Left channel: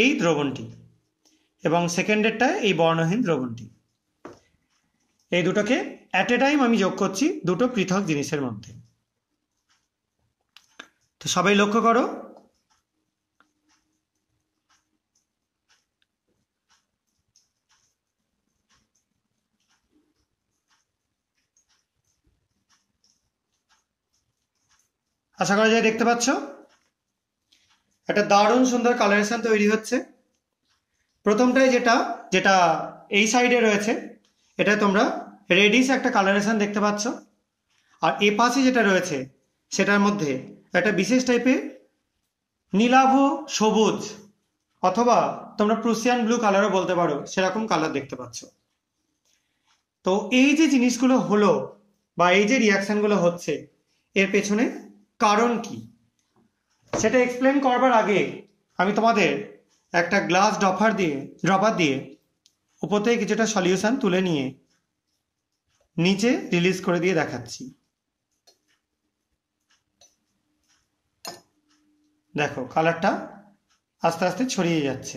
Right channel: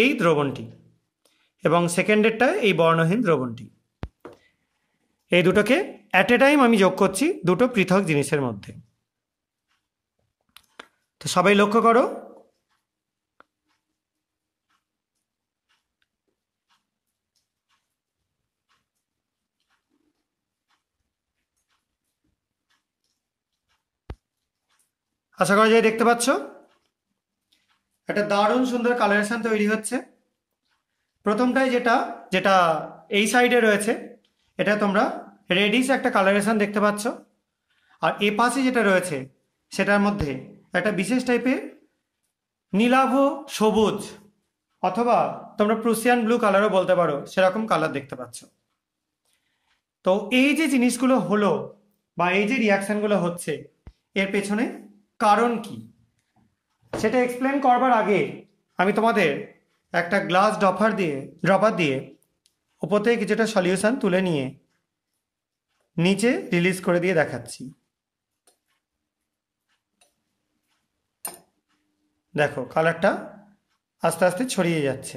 এই দ্রবণটি এবং সেকেন্ডেরটা এই বর্ণহীন দ্রবণটি। এই দুটোকে অ্যাট এ টাইম আমি যোগ করছি দুটো পৃথক জিনিসের মধ্যে। তো সবাই লক্ষ্য করো, আশা করা যায় দেখতে পাচ্ছ একটা দারুণ সুন্দর কালারেশন তৈরি হচ্ছে। প্রথমটাই যেটা যেটা এই সাইডে রয়েছে, এটা তোমরা রেডিশ একটা কালারেশন দেখতে পাচ্ছ, আর এ পাশে যেটা রয়েছে সেটার মধ্যে একটা বিশেষ টাইপের নীলাভ সবুজ অথবা তোমরা প্রুসিয়ান ব্লু কালারও বলতে পারো, সেরকম কালার দেখতে পাচ্ছ। তো এই যে জিনিসগুলো হলো বা এই যে রিয়াকশনগুলো হচ্ছে, এর পেছনে কারণ কি সেটা এক্সপ্লেন করবার আগে আমি তোমাদের একটা গ্লাস ড্রপার দিয়ে উপর থেকে কিছুটা সলিউশন তুলে নিয়ে নিচে রিলিজ করে দিয়ে দেখাচ্ছি। দেখো কালারটা আস্তে আস্তে ছড়িয়ে যাচ্ছে।